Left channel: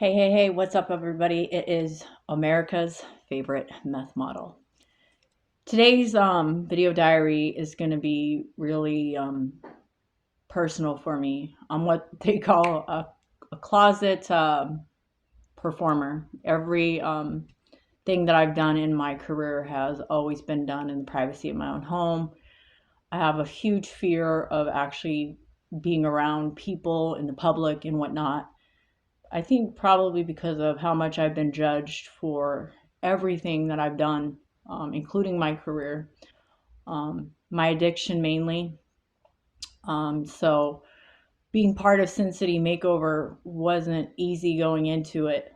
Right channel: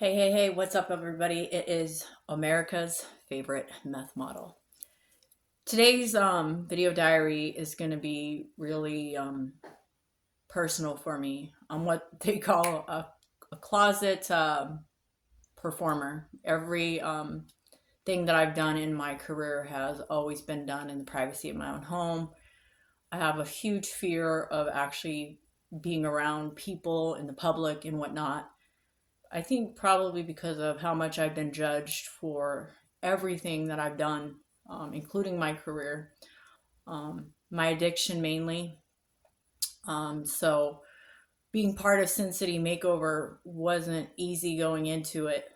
Hey, what's up, everybody? It is America's favorite meth model. Today's video diary is going to be really personal for me. I'm what they call a closet performer. Every thing that I've done in my career has always been done in the privacy of my own home. I have a huge fear of actually being around people in the public and whatnot. I think probably because of how much I've been judged for everything that I've done, including my career, my addiction mainly. So being part of Sin City Makeover wasn't easy going into it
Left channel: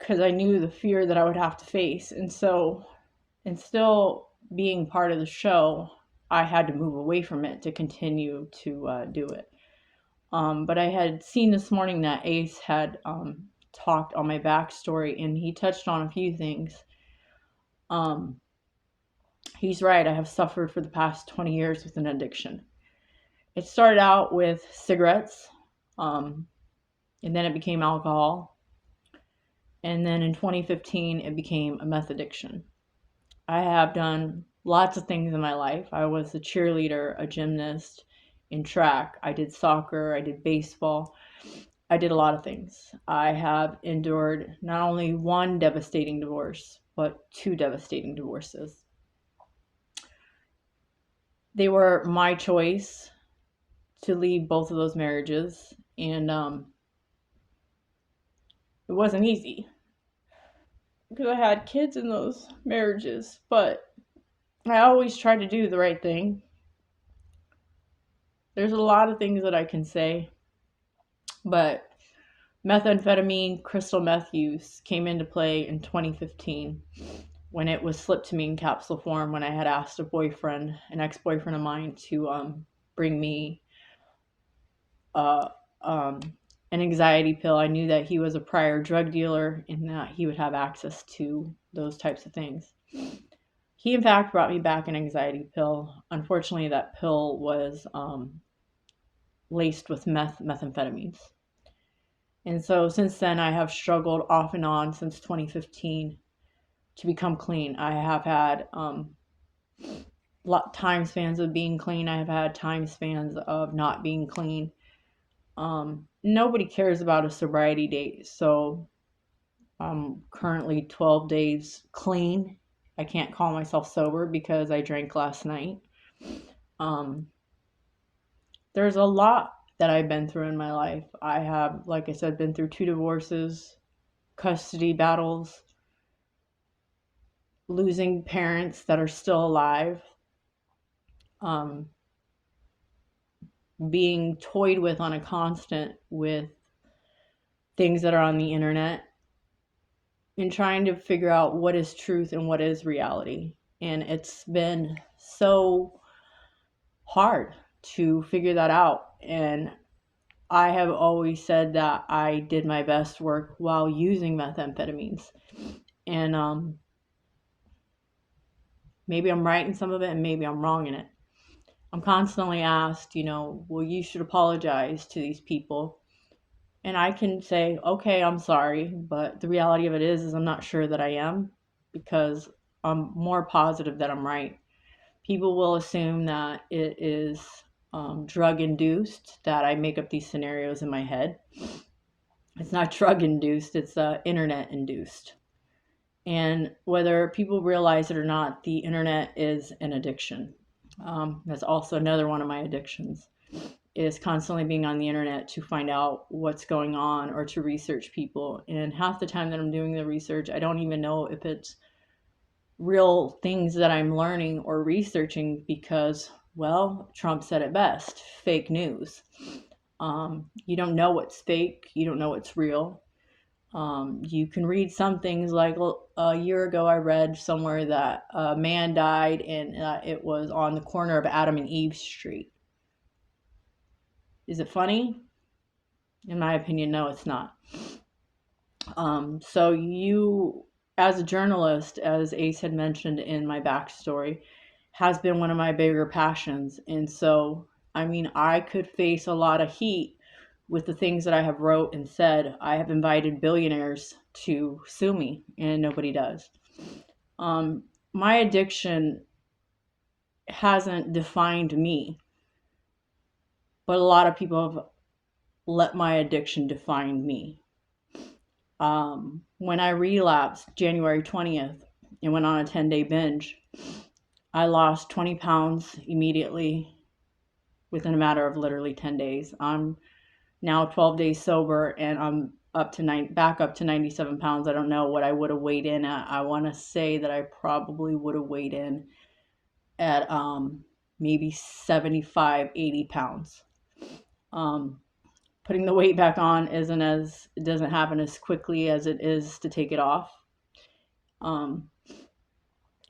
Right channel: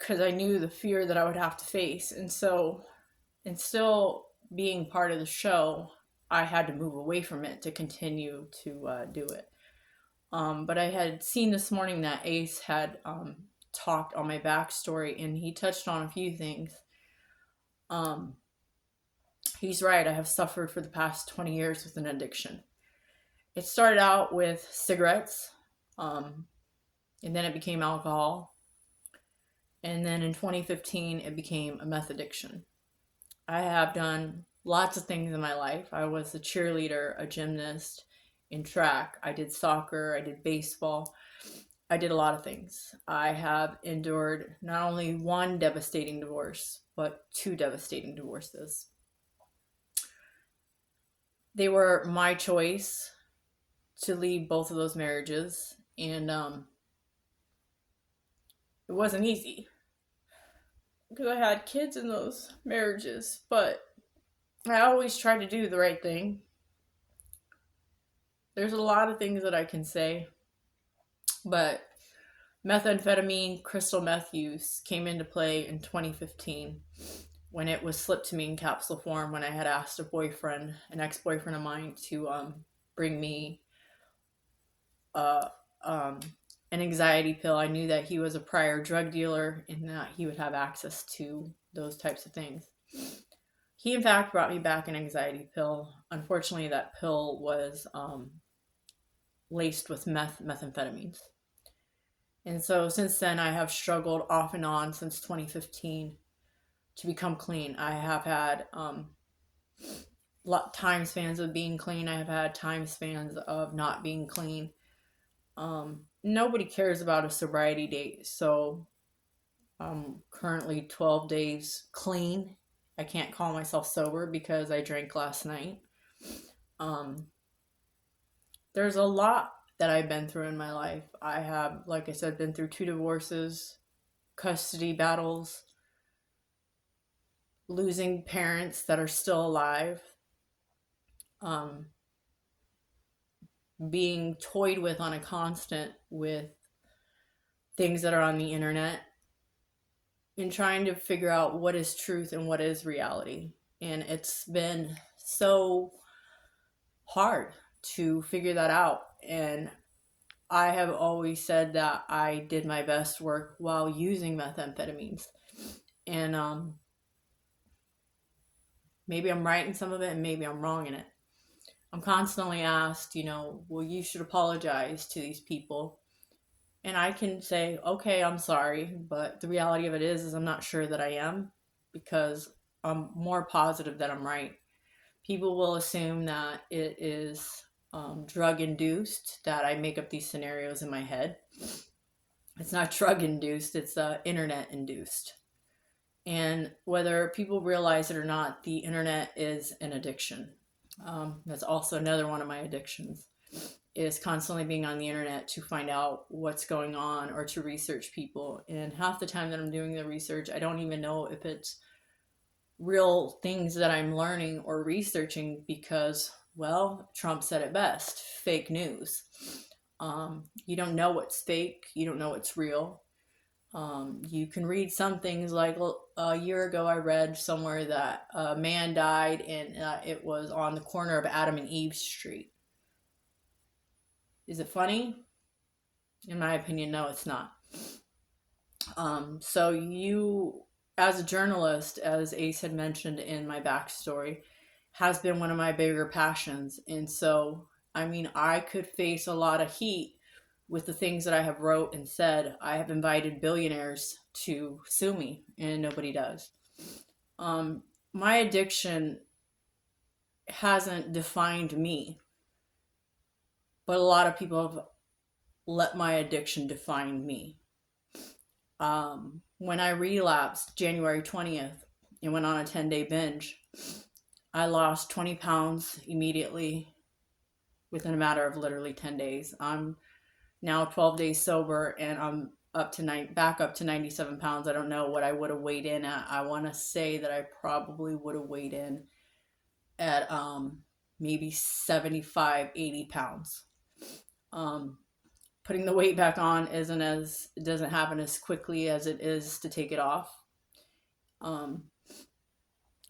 because I knew the fear that I would have to face. And still being part of the show, I had to move away from it to continue to do it. But I had seen this morning that Ace had talked on my backstory, and he touched on a few things. Um, he's right. I have suffered for the past 20 years with an addiction. It started out with cigarettes, um, and then it became alcohol. And then in 2015, it became a meth addiction. I have done lots of things in my life. I was a cheerleader, a gymnast, in track. I did soccer, I did baseball. I did a lot of things. I have endured not only one devastating divorce, but two devastating divorces. They were my choice to leave both of those marriages, and it wasn't easy because I had kids in those marriages, but I always tried to do the right thing. There's a lot of things that I can say, but methamphetamine, crystal meth use came into play in 2015 when it was slipped to me in capsule form when I had asked an ex-boyfriend of mine, to bring me uh, um, an anxiety pill. I knew that he was a prior drug dealer and that he would have access to those types of things. He, in fact, brought me back an anxiety pill. Unfortunately, that pill was laced with methamphetamines. And so since then, I have struggled off and on since 2015 to become clean. I have had time spans of being clean. I have had time spans of not being clean. Nobody cares about a sobriety date, so I'm currently 12 days clean. I can't call myself sober because I drank last night. Um, there's a lot that I've been through in my life. I have, like I said, been through two divorces, custody battles, losing parents that are still alive, um, being toyed with on a constant with things that are on the internet, and trying to figure out what is truth and what is reality. And it's been so hard to figure that out. And I have always said that I did my best work while using methamphetamines. And maybe I'm right in some of it and maybe I'm wrong in it. I'm constantly asked, well, you should apologize to these people. And I can say, okay, I'm sorry, but the reality of it is I'm not sure that I am, because I'm more positive that I'm right. People will assume that it is drug induced, that I make up these scenarios in my head. It's not drug induced, it's internet induced. And whether people realize it or not, the internet is an addiction. That's also another one of my addictions, is constantly being on the internet to find out what's going on or to research people. And half the time that I'm doing the research, I don't even know if it's real things that I'm learning or researching because, well, Trump said it best: fake news. You don't know what's fake, you don't know what's real. You can read some things, like a year ago, I read somewhere that a man died and it was on the corner of Adam and Eve Street. Is it funny? In my opinion, no, it's not. So you, as a journalist, as Ace had mentioned in my backstory, has been one of my bigger passions. And so, I mean, I could face a lot of heat with the things that I have wrote and said, I have invited billionaires to sue me, and nobody does. Um, my addiction hasn't defined me, but a lot of people have let my addiction define me. When I relapsed January 20th and went on a 10-day binge, I lost 20 pounds immediately within a matter of literally 10 days. I'm now 12 days sober, and I'm back up to 97 pounds. I don't know what I would have weighed in at. I want to say that I probably would have weighed in at maybe 75, 80 pounds. Um, Putting the weight back on it doesn't happen as quickly as it is to take it off. Um,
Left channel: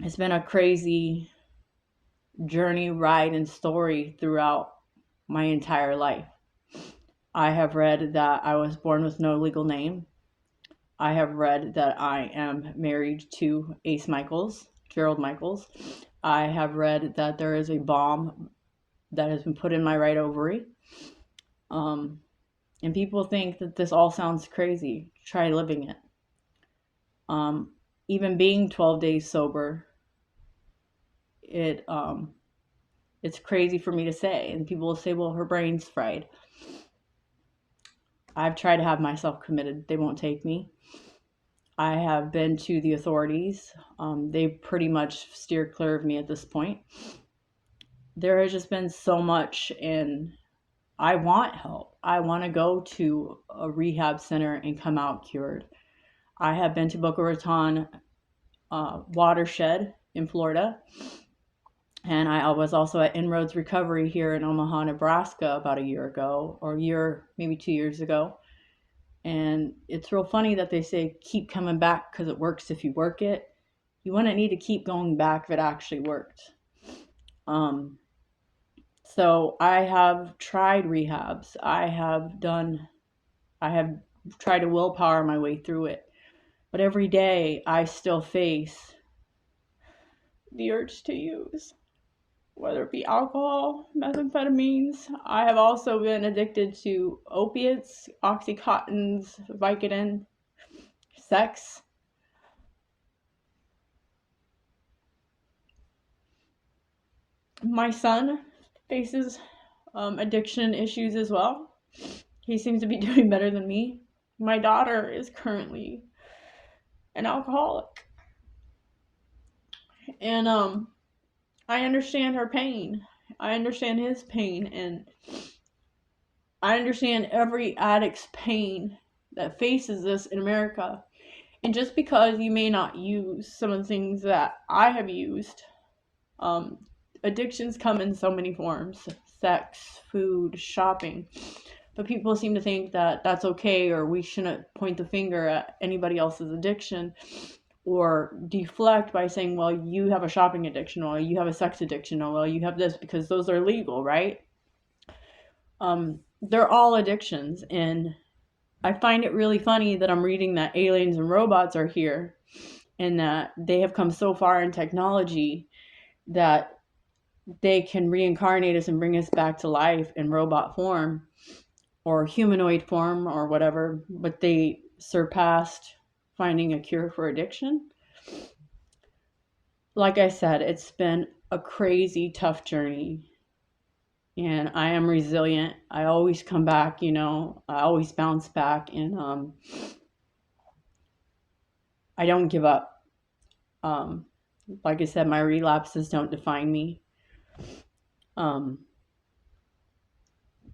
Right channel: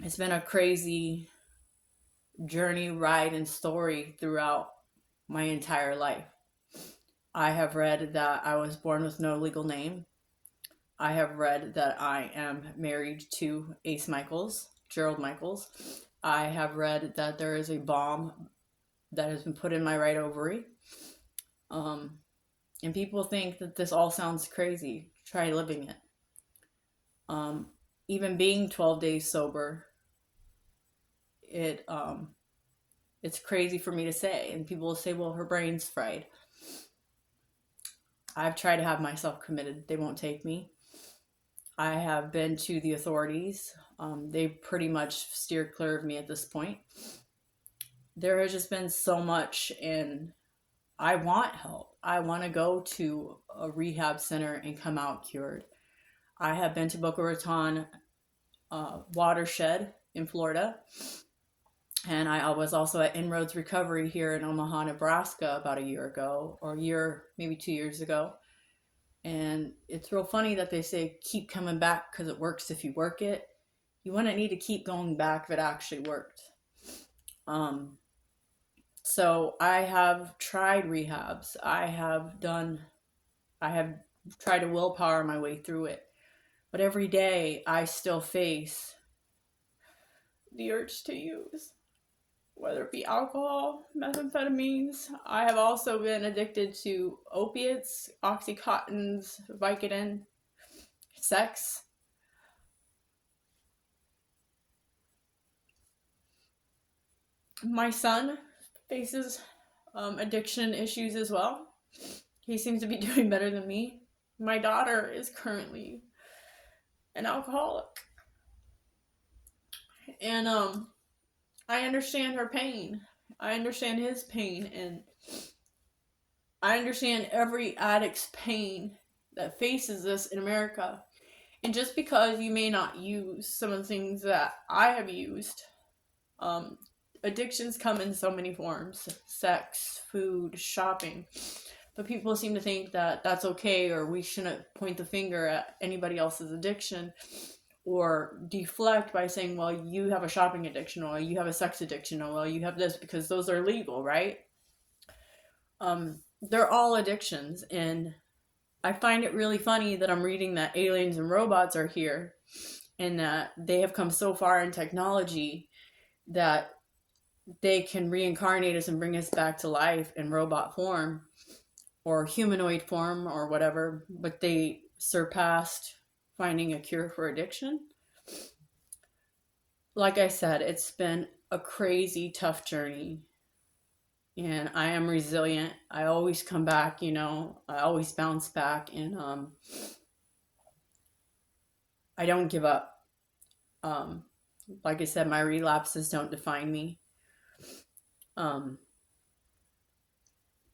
it's been a crazy journey, ride, and story throughout my entire life. I have read that I was born with no legal name. I have read that I am married to Ace Michaels, Gerald Michaels. I have read that there is a bomb that has been put in my right ovary. And people think that this all sounds crazy. Try living it. Um, Even being 12 days sober, it's crazy for me to say. And people will say, well, her brain's fried. I've tried to have myself committed. They won't take me. I have been to the authorities. They pretty much steered clear of me at this point. There has just been so much, and I want help. I want to go to a rehab center and come out cured. I have been to Boca Raton Watershed in Florida, and I was also at Inroads Recovery here in Omaha, Nebraska about a year ago, or maybe 2 years ago. And it's real funny that they say keep coming back because it works if you work it. You wouldn't need to keep going back if it actually worked. So I have tried rehabs. I have tried to willpower my way through it. But every day I still face the urge to use, whether it be alcohol, methamphetamines. I have also been addicted to opiates, Oxycontins, Vicodin, sex. My son faces addiction issues as well. He seems to be doing better than me. My daughter is currently an alcoholic. And I understand her pain. I understand his pain, and I understand every addict's pain that faces this in America. And just because you may not use some of the things that I have used, addictions come in so many forms: sex, food, shopping. But people seem to think that that's okay, or we shouldn't point the finger at anybody else's addiction, or deflect by saying, well, you have a shopping addiction, or you have a sex addiction, or well, you have this, because those are legal, right? They're all addictions. And I find it really funny that I'm reading that aliens and robots are here, and that they have come so far in technology that they can reincarnate us and bring us back to life in robot form or humanoid form or whatever, but they surpassed finding a cure for addiction. Like I said, it's been a crazy, tough journey. And I am resilient. I always come back, I always bounce back, and I don't give up. Like I said, my relapses don't define me.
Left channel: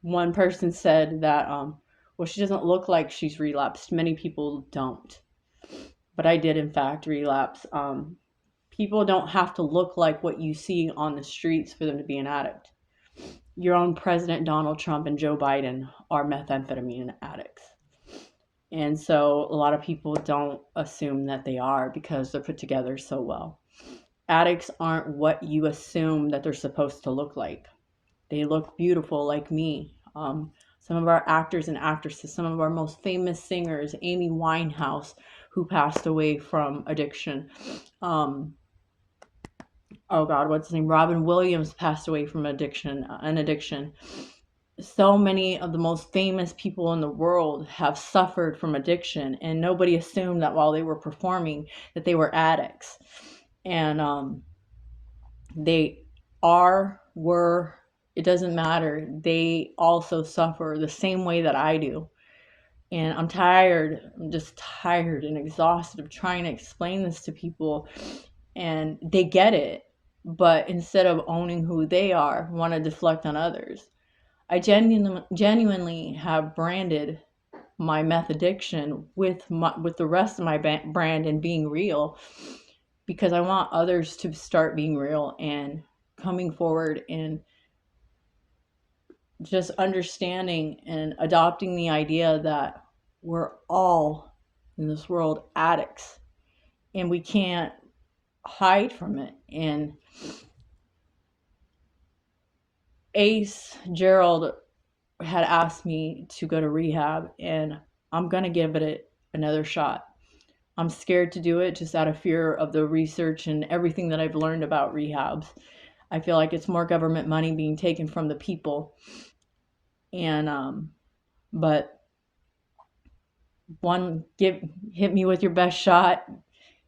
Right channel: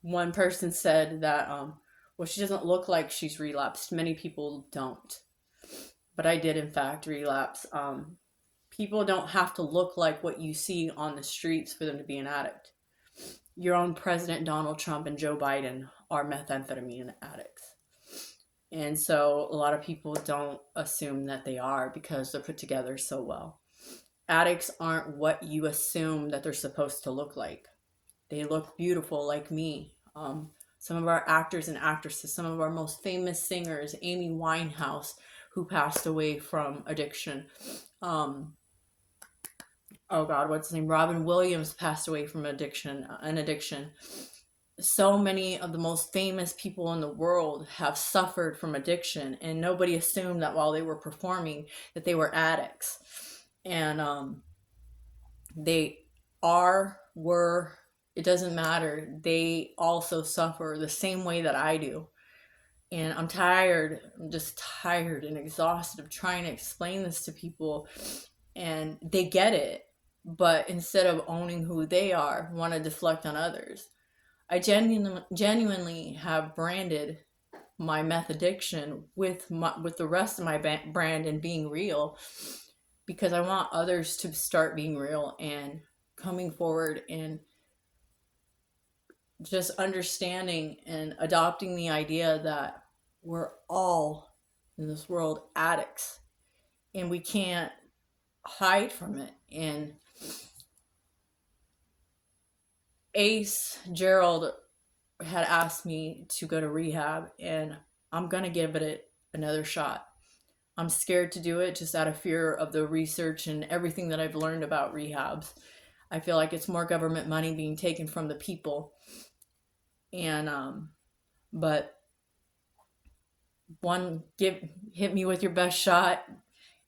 One person said that, well, she doesn't look like she's relapsed. Many people don't. But I did, in fact, relapse. People don't have to look like what you see on the streets for them to be an addict. Your own President Donald Trump and Joe Biden are methamphetamine addicts. And so a lot of people don't assume that they are because they're put together so well. Addicts aren't what you assume that they're supposed to look like. They look beautiful like me. Some of our actors and actresses, some of our most famous singers, Amy Winehouse, who passed away from addiction. Oh God, what's his name? Robin Williams passed away from an addiction. so many of the most famous people in the world have suffered from addiction, and nobody assumed that while they were performing that they were addicts. And they were, it doesn't matter. They also suffer the same way that I do. And I'm tired. I'm just tired and exhausted of trying to explain this to people. And they get it. But instead of owning who they are, want to deflect on others. I genuinely have branded my meth addiction with the rest of my brand and being real, because I want others to start being real and coming forward and just understanding and adopting the idea that we're all in this world addicts and we can't hide from it. And Ace Gerald had asked me to go to rehab, and I'm going to give it another shot. I'm scared to do it just out of fear of the research and everything that I've learned about rehabs. I feel like it's more government money being taken from the people. And but one give hit me with your best shot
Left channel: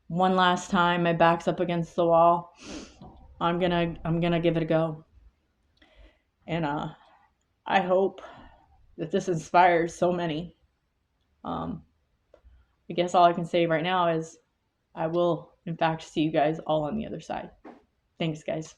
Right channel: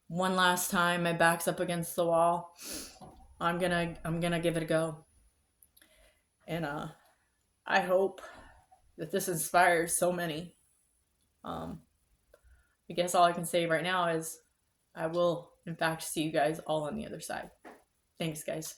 one last time. My back's up against the wall. I'm gonna give it a go. And I hope that this inspires so many. Um, I guess all I can say right now is I will, in fact, see you guys all on the other side. Thanks, guys.